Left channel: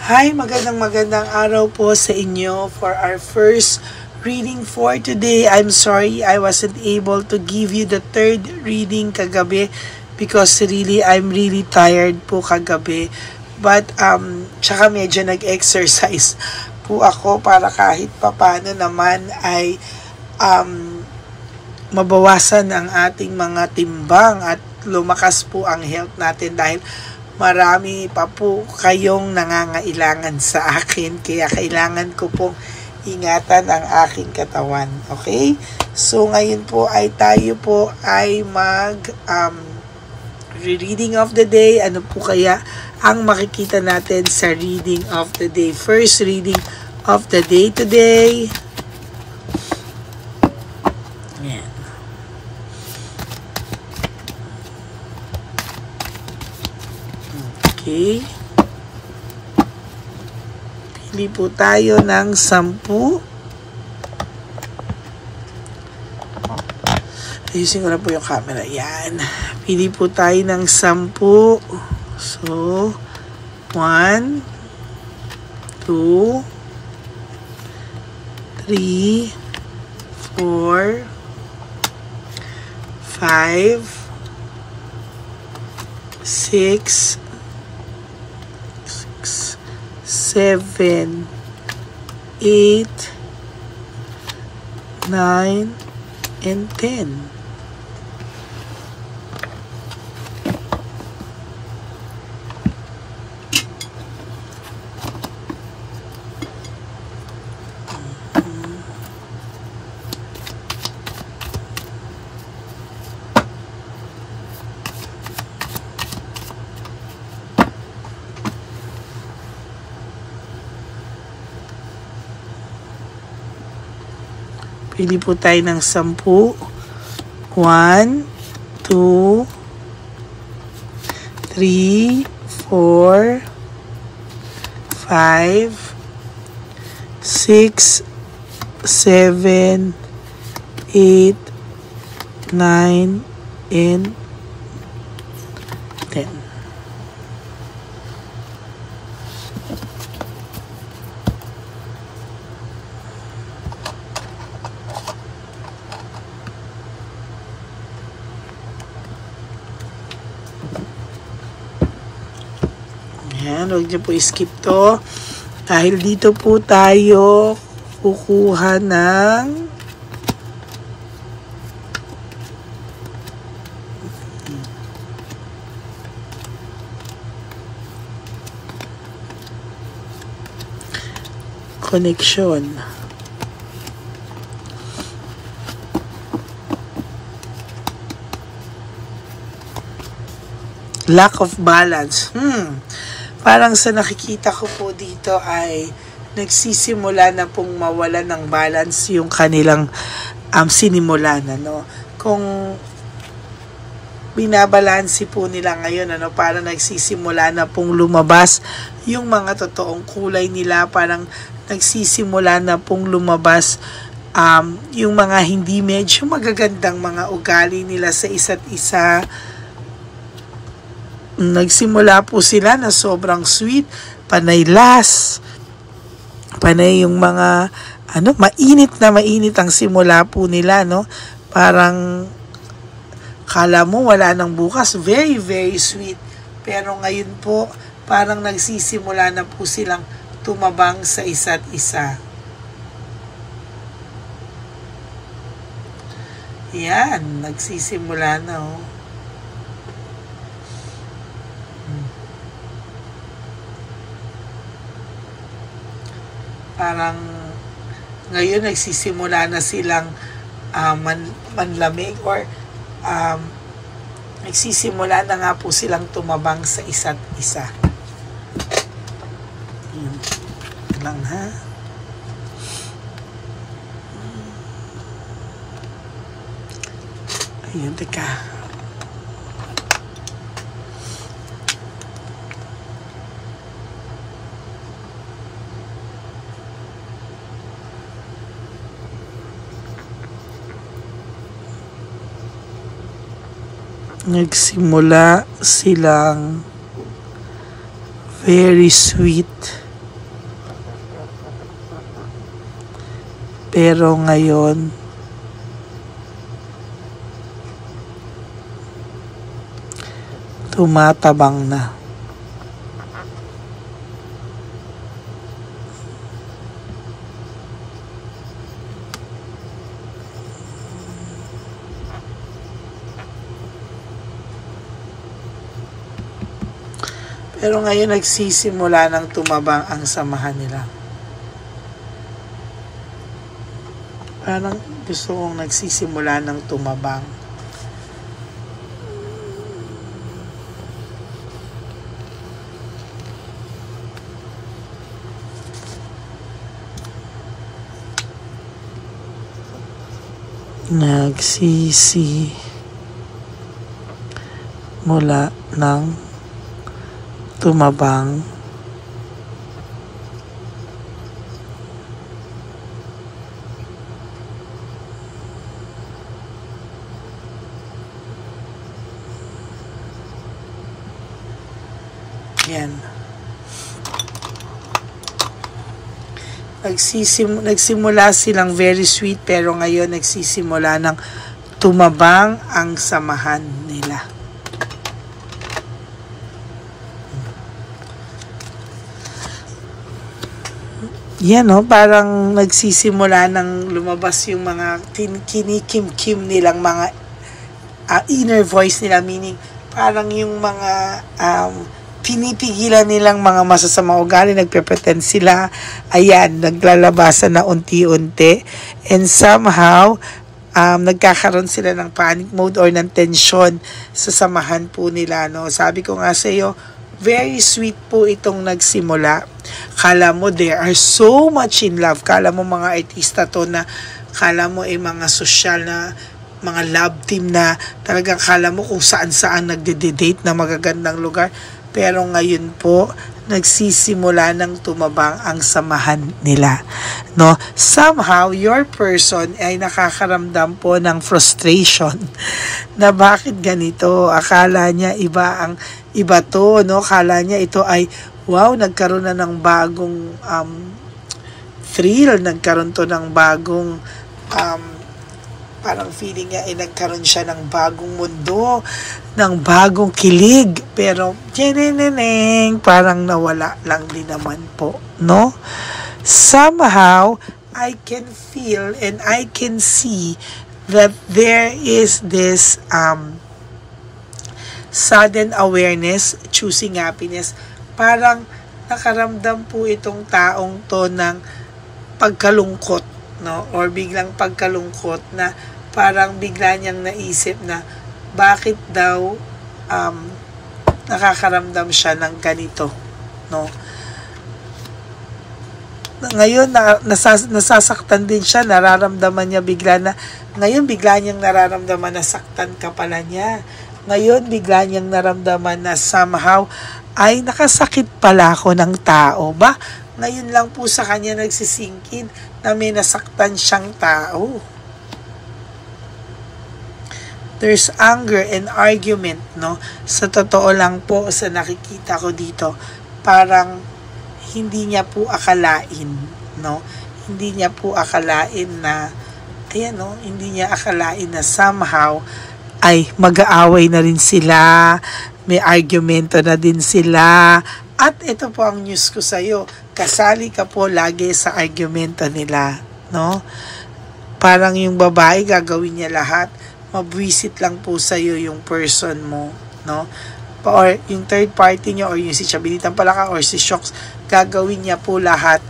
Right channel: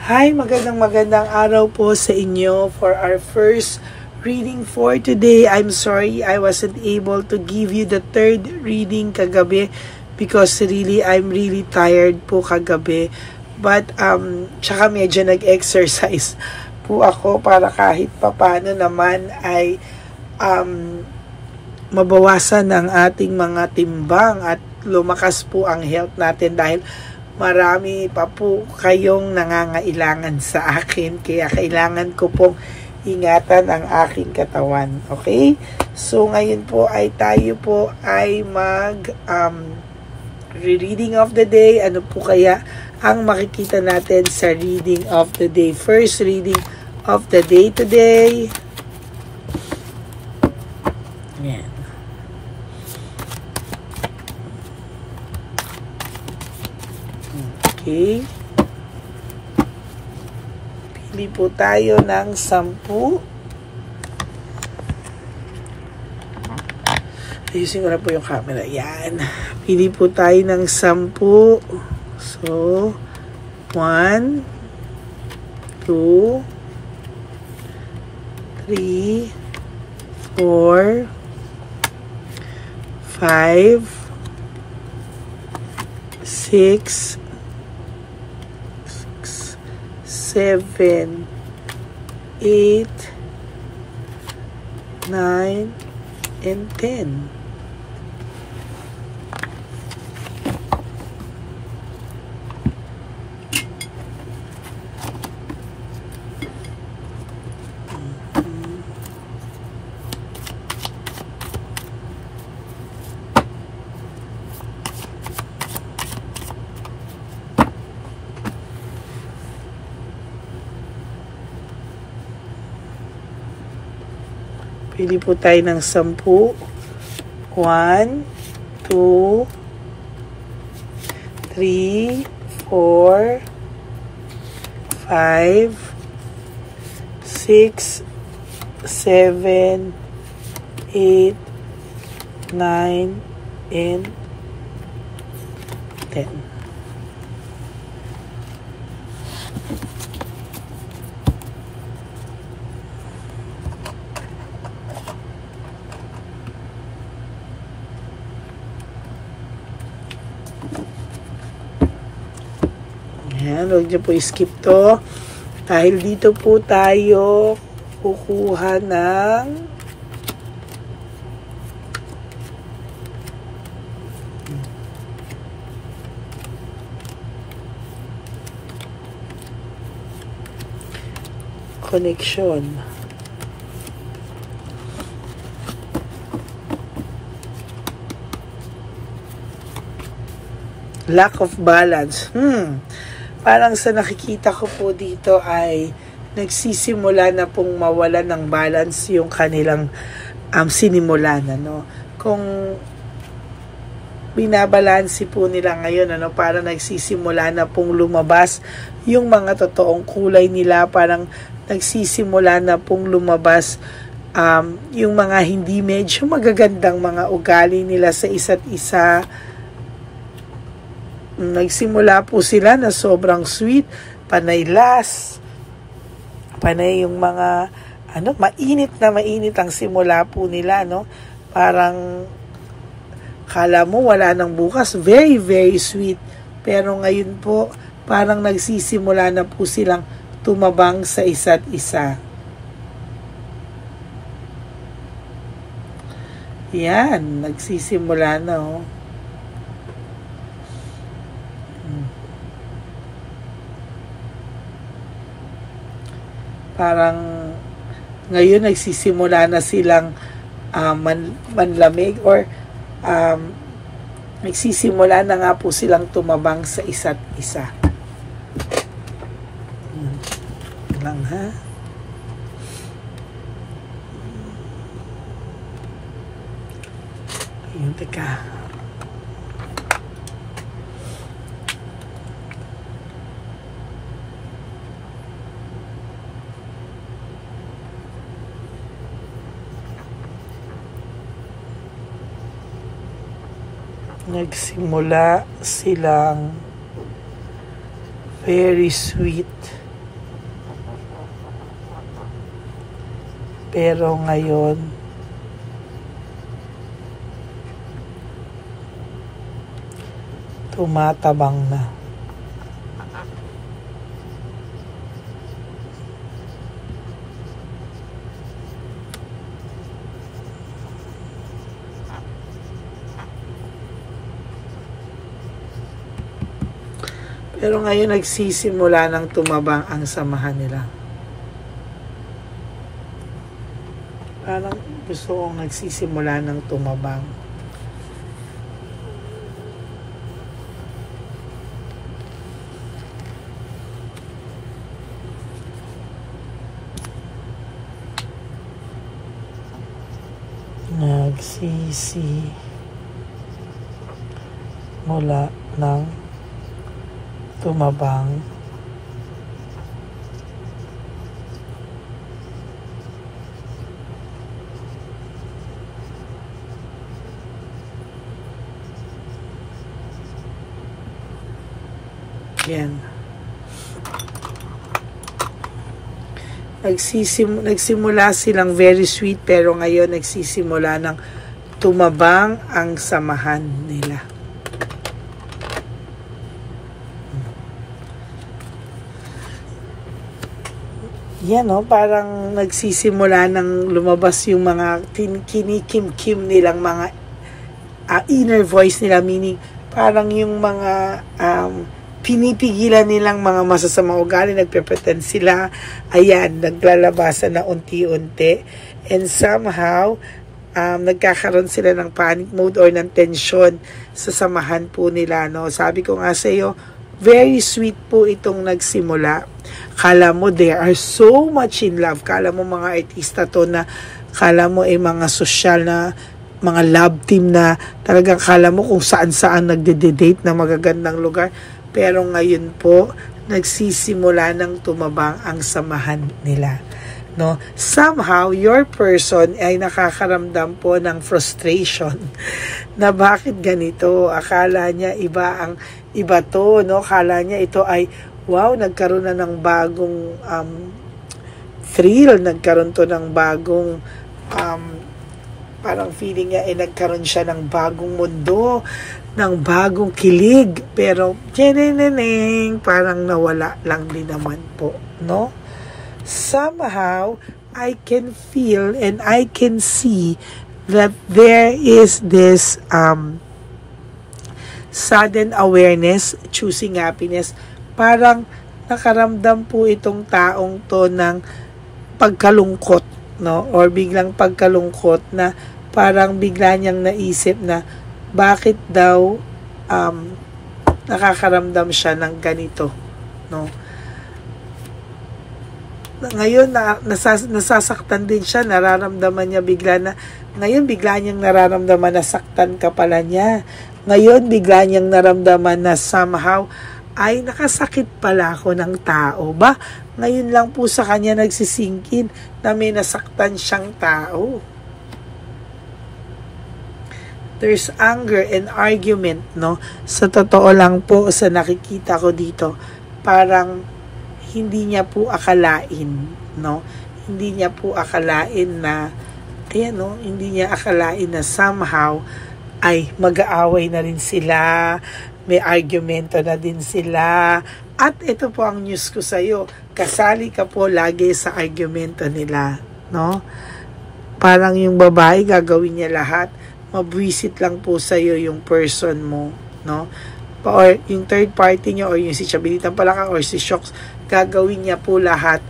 Hi, magandang araw po sa inyo for our first reading for today. I'm sorry I wasn't able to give you the third reading kagabi because I'm really tired po kagabi. But tsaka medyo nag-exercise po ako para kahit papano naman ay mabawasan ang ating mga timbang at lumakas po ang health natin dahil marami pa po kayong nangangailangan sa akin, kaya kailangan ko pong ingatan ang aking katawan. Okay? So ngayon po ay tayo po ay reading of the day. Ano po kaya ang makikita natin sa reading of the day? First reading of the day today. Yan. Okay. Pili po tayo ng 10. Ayusin ko na po yung camera. Yan. Pili po tayo ng 10. So, 1, 2, 3, 4, 5, 6, 7, 8, 9, and 10. Pili po tayo ng 10. 1, 2, 3, 4, 5, 6, 7, 8, 9, and 10. Ayan, huwag niyo po skip to. Dahil dito po tayo kukuha ng connection. Lack of balance. Parang sa nakikita ko po dito ay nagsisimula na pong mawala ng balance yung kanilang sinimulan. Ano? Kung binabalansi po nila ngayon, parang nagsisimula na pong lumabas yung mga totoong kulay nila, parang nagsisimula na pong lumabas yung mga hindi medyo magagandang mga ugali nila sa isa't isa. Nagsimula po sila na sobrang sweet, panay last, panay yung mga mainit ang simula po nila, no? Parang kala mo wala nang bukas, very very sweet. Pero ngayon po parang nagsisimula na po silang tumabang sa isa't isa. Yan, nagsisimula na, oh. Parang ngayon nagsisimula na silang manlamig or nagsisimula na nga po silang tumabang sa isa't isa. Yun lang, ha? Ayun, teka. Nagsimula silang very sweet pero ngayon tumatabang na. Pero ngayon nagsisimula ng tumabang ang samahan nila. Parang gusto kong nagsisimula ng tumabang. Nagsisimula ng tumabang yan. Nagsimula silang very sweet, pero ngayon nagsisimula ng tumabang ang samahan nila. Yan, no? Parang nagsisimula ng lumabas yung mga kinikim-kim nilang mga inner voice nila, meaning parang yung mga pinipigilan nilang mga masasamang ugali, nagpe-pretend sila, ayan, naglalabasan na unti-unti, and somehow nagkakaroon sila ng panic mode or ng tension sa samahan po nila, no? Sabi ko nga sa iyo, very sweet po itong nagsimula. Kala mo they are so much in love. Kala mo mga artista to na, kala mo mga social na mga love team na talagang kala mo kung saan-saan nagde-date na magagandang lugar. Pero ngayon po, nagsisimula ng tumabang ang samahan nila. No? Somehow, your person ay nakakaramdam po ng frustration na bakit ganito. Akala niya iba to, no? Akala niya ito ay, wow, nagkaroon na ng bagong thrill, nagkaroon to ng bagong parang feeling niya nagkaroon siya ng bagong mundo, ng bagong kilig, pero parang nawala lang din naman po, no? Somehow I can feel and I can see that there is this sudden awareness, choosing happiness. Parang nakaramdam po itong taong to ng pagkalungkot, no? Or biglang pagkalungkot na parang bigla niyang naisip na bakit daw nakakaramdam siya ng ganito, no? Ngayon nasasaktan din siya, nararamdaman niya bigla na, ngayon bigla niyang nararamdaman na saktan ka pala niya. Ngayon bigla niyang naramdaman na somehow ay nakasakit pala ako ng tao. Ba, ngayon lang po sa kanya nagsisingkin na may nasaktan siyang tao. There's anger and argument, no? Sa totoo lang po, sa nakikita ko dito, parang hindi niya po akalain, no? Hindi niya po akalain na, ayan, no? Hindi niya akalain na somehow ay mag-aaway na rin sila, may argumento na din sila. At ito po ang news ko sa iyo, kasali ka po lagi sa argumento nila, no? Parang yung babae gagawin niya lahat, mabwisit lang po sa iyo yung person mo, no? Or yung third party niya, or yung si Chabelitan Palaka or si Shocks, gagawin niya po lahat,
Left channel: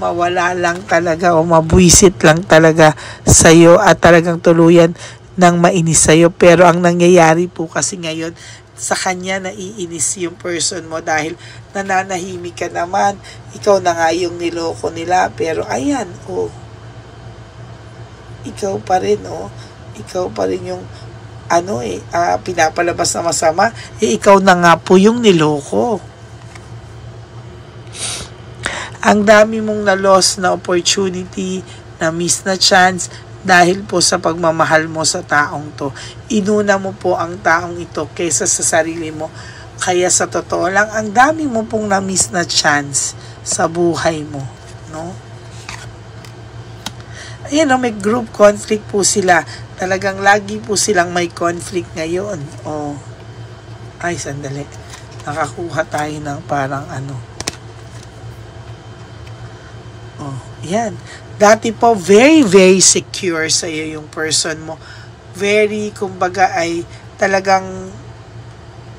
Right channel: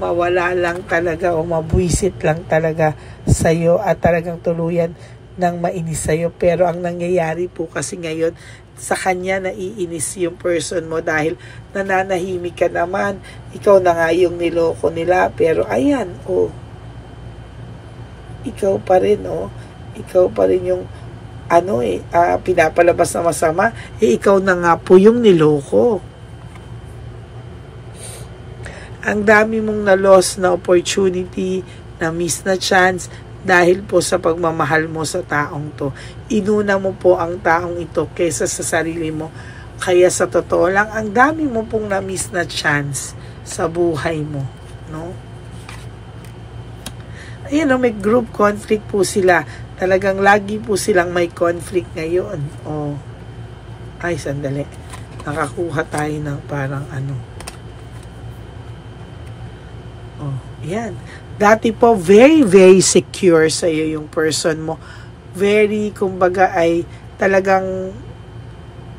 mawala lang talaga o mabwisit lang talaga sa iyo at talagang tuluyan ng mainis sa iyo. Pero ang nangyayari po kasi ngayon, sa kanya naiinis yung person mo dahil nananahimik ka naman. Ikaw na nga yung niloko nila, pero ayan, ikaw pa rin, ikaw pa rin yung pinapalabas na masama, ikaw na nga po yung niloko. Ang dami mong na-loss na opportunity, na-miss na chance, dahil po sa pagmamahal mo sa taong to. Inuna mo po ang taong ito kaysa sa sarili mo. Kaya sa totoo lang, ang dami mo pong na-miss na chance sa buhay mo, no? may group conflict po sila. Talagang lagi po silang may conflict ngayon. Ay, sandali. Nakakuha tayo ng parang yan. Dati po, very, very secure sa iyo yung person mo. Very, kumbaga ay talagang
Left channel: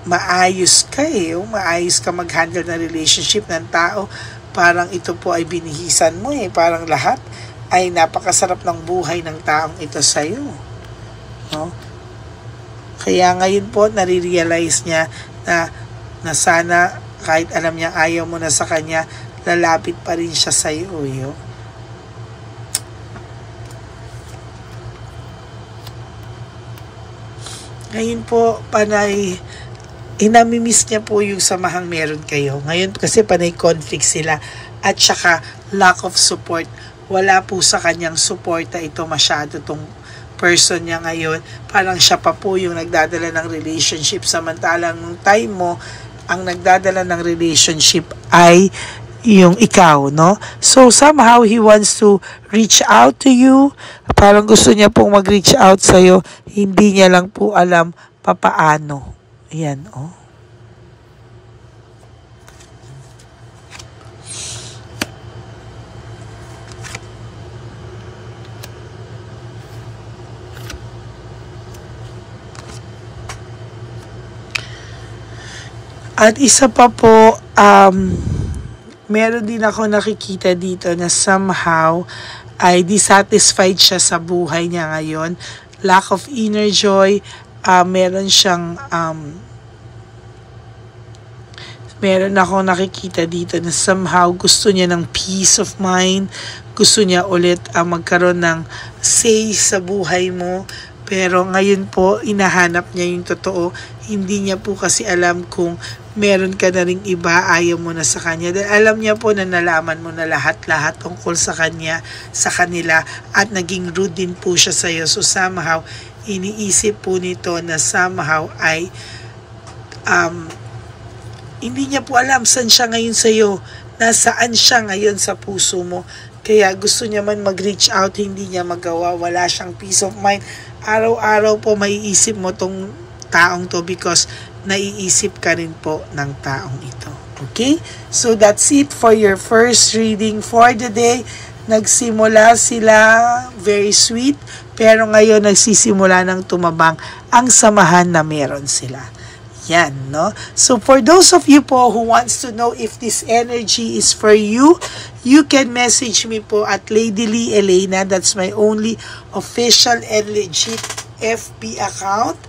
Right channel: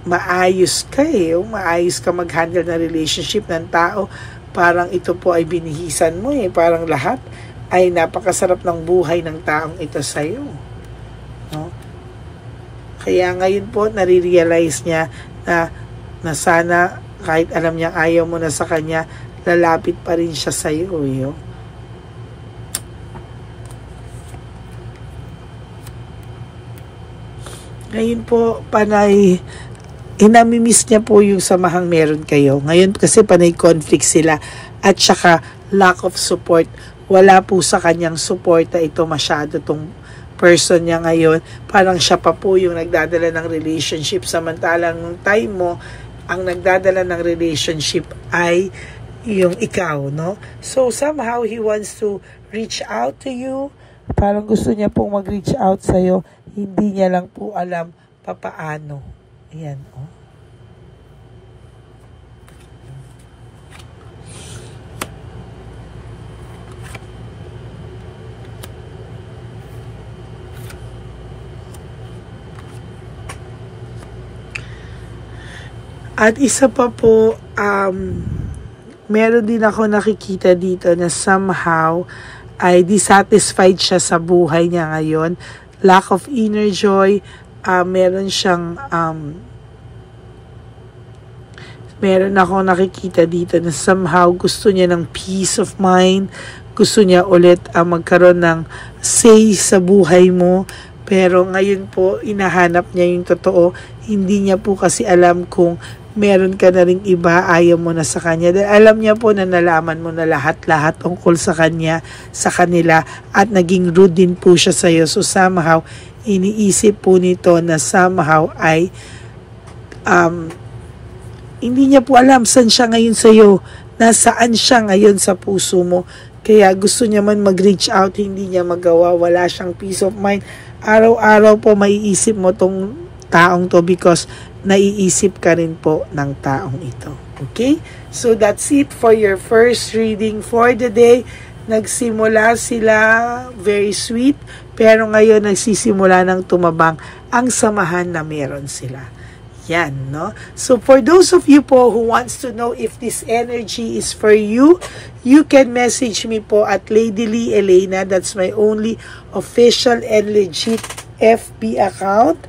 maayos ka maayos ka mag-handle ng relationship ng tao. Parang ito po ay binihisan mo Parang lahat ay napakasarap ng buhay ng taong ito sa iyo. No? Kaya ngayon po, nare-realize niya na sana kahit alam niya ayaw mo na sa kanya, lalapit pa rin siya sa iyo. Ngayon po, panay, inamimiss niya po yung samahang meron kayo. Ngayon kasi panay conflict sila at saka lack of support. Wala po sa kanyang suporta ito masyado tong person niya ngayon. Parang siya pa po yung nagdadala ng relationship. Samantalang nung time mo, ang nagdadala ng relationship ay yung ikaw, no? So, somehow, he wants to reach out to you. Parang gusto niya pong mag-reach out sa'yo. Hindi niya lang po alam papaano. Ayan, At isa pa po, meron din ako nakikita dito na somehow ay dissatisfied siya sa buhay niya ngayon. Lack of inner joy. Meron siyang meron ako nakikita dito na somehow gusto niya ng peace of mind. Gusto niya ulit magkaroon ng say sa buhay mo. Pero ngayon po, inahanap niya yung totoo. Hindi niya po kasi alam kung meron ka na ring iba, ayaw mo na sa kanya. Dahil alam niya po na nalaman mo na lahat-lahat tungkol sa kanya, sa kanila, at naging rude din po siya sa iyo. So somehow, iniisip po nito na somehow ay hindi niya po alam saan siya ngayon sa iyo. Nasaan siya ngayon sa puso mo. Kaya gusto niya man mag-reach out, hindi niya magawa. Wala siyang peace of mind. Araw-araw po maiisip mo tong taong to because naiisip ka rin po ng taong ito. Okay? So that's it for your first reading for the day. Nagsimula sila very sweet, pero ngayon nagsisimula ng tumabang ang samahan na meron sila. Yan, no? So for those of you po who wants to know if this energy is for you, you can message me po at Lady Lee Elena. That's my only official and legit FB account.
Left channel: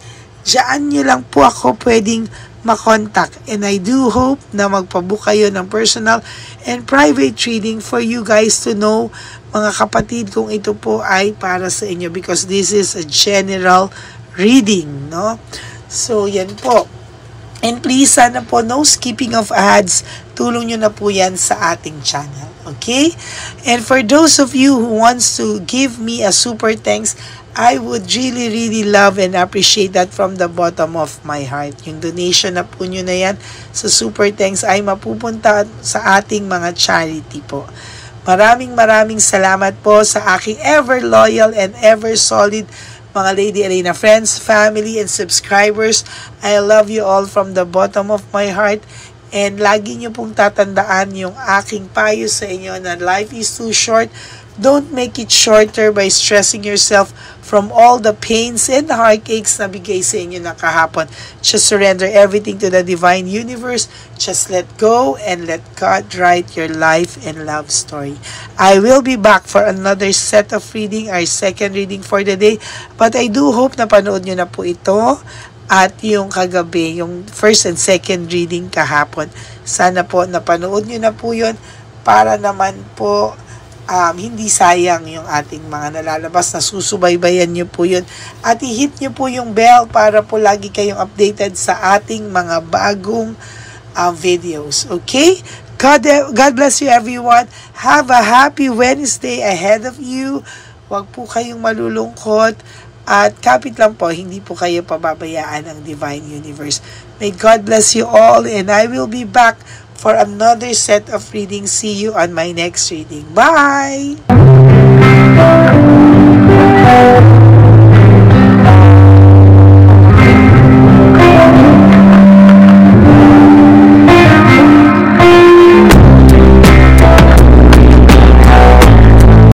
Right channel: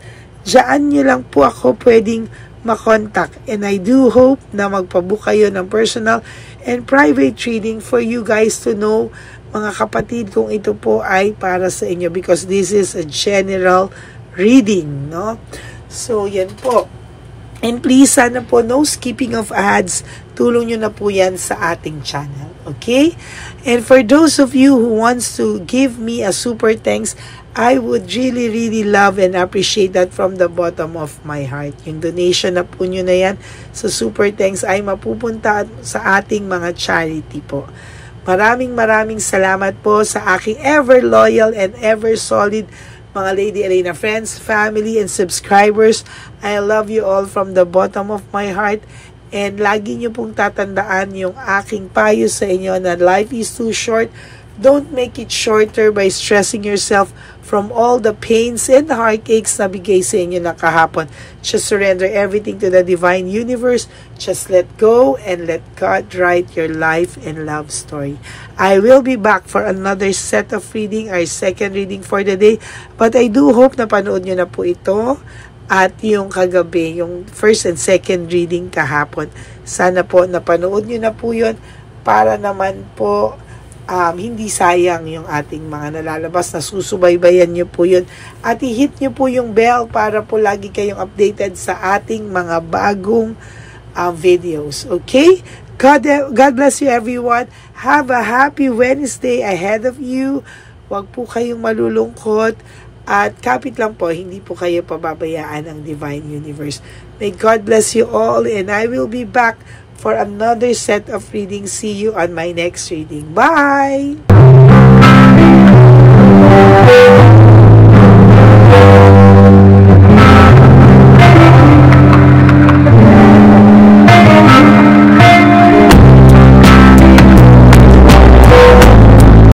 Diyan nyo lang po ako pwedeng makontak. And I do hope na magpabook kayo ng personal and private reading for you guys to know, mga kapatid, kung ito po ay para sa inyo. Because this is a general reading, no? So, yan po. And please, sana po, no skipping of ads. Tulong nyo na po yan sa ating channel. Okay? And for those of you who wants to give me a super thanks, I would really, really love and appreciate that from the bottom of my heart. Yung donation na po nyo na yan sa super thanks ay mapupunta sa ating mga charity po. Maraming salamat po sa aking ever loyal and ever solid mga Lady Elena friends, family, and subscribers. I love you all from the bottom of my heart. And lagi nyo pong tatandaan yung aking payo sa inyo na life is too short. Don't make it shorter by stressing yourself from all the pains and heartaches na bigay sa inyo na kahapon. Just surrender everything to the divine universe. Just let go and let God write your life and love story. I will be back for another set of reading, our second reading for the day. But I do hope na panood nyo na po ito. At yung kagabi, yung first and second reading kahapon. Sana po napanood nyo na po yun para naman po hindi sayang yung ating mga nalalabas na susubaybayan nyo po yun. At i-hit nyo po yung bell para po lagi kayong updated sa ating mga bagong videos. Okay? God bless you everyone. Have a happy Wednesday ahead of you. Huwag po kayong malulungkot. At kapit lang po, hindi po kayo pababayaan ng Divine Universe. May God bless you all and I will be back for another set of readings. See you on my next reading. Bye!